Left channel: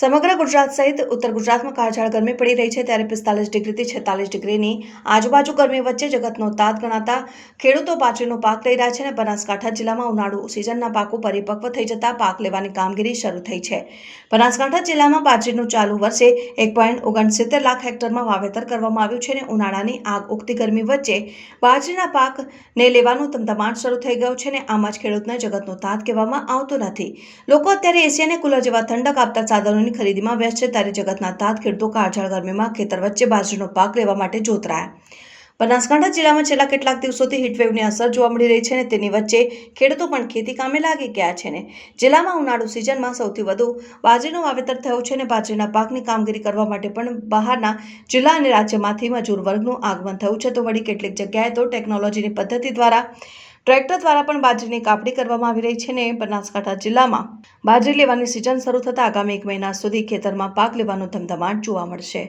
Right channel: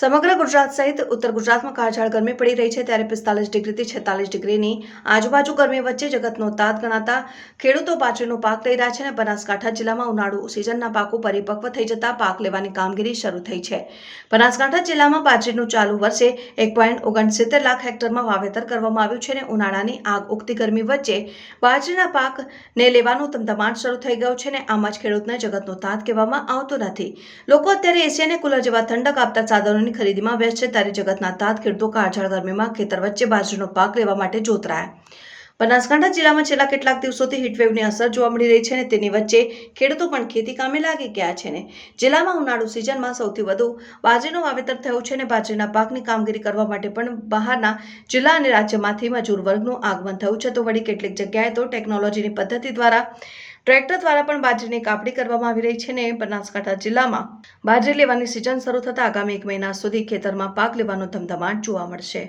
સમગ્ર ગુજરાત સહિત ઉત્તર ગુજરાતમાં કાળઝાળ ગરમી પડી રહી છે. ત્યારે પિસ્તાલીસ ડિગ્રીથી છેતાલીસ ડિગ્રીની આજુબાજુ ગરમી વચ્ચે જગતનો તાત ગણાતા ખેડૂતો બાજરીનો પાક લઈ રહ્યા છે અને બનાસકાંઠા જિલ્લામાં ઉનાળુ સિઝનના પાકો પરિપક્વ થઈ જતા પાક લેવાની કામગીરી શરૂ થઈ છે. બનાસકાંઠા જિલ્લામાં બાજરીનું ચાલુ વર્ષે એક પોઈન્ટ ઓગણસિત્તેર લાખ હેક્ટરમાં વાવેતર કરવામાં આવ્યું છે અને ઉનાળાની આગ ઉગતી ગરમી વચ્ચે બાજરીના પાકને લેવાનું ધમધમાટ શરૂ થઈ ગયો છે અને આમ જ ખેડૂતને જગતનો તાત કહેવામાં આવતો નથી. લોકો અત્યારે એસી અને કુલર જેવા ઠંડક આપતા સાધનોની ખરીદીમાં વ્યસ્ત છે. ત્યારે જગતના તાત ખેડૂતો કાળઝાળ ગરમીમાં ખેતર વચ્ચે બાજરીનો પાક લેવા માટે જોતરાયા. બનાસકાંઠા જિલ્લામાં છેલ્લા કેટલાક દિવસોથી હીટવેવની અસર જોવા મળી રહી છે અને તેની વચ્ચે ખેડૂતો પણ ખેતી કામે લાગી ગયા છે ને. જિલ્લામાં ઉનાળુ સિઝનમાં સૌથી વધુ બાજરીનું વાવેતર થયું છે અને બાજરીના પાકની કામગીરી કરવા માટે પણ બહારના જિલ્લા અને રાજ્યમાંથી મજૂર વર્ગનું આગમન થયું છે. તો વળી કેટલીક જગ્યાએ તો ટેકનોલોજીની પદ્ધતિ દ્વારા ટ્રેક્ટર દ્વારા પણ બાજરીની કાપણી કરવામાં આવી રહી છે ને બનાસકાંઠા જિલ્લામાં. બાજરી લેવાની સિઝન શરૂ થતાં આગામી એક મહિના સુધી ખેતરમાં પાક લેવાનો ધમધમાટ જોવા મળશે.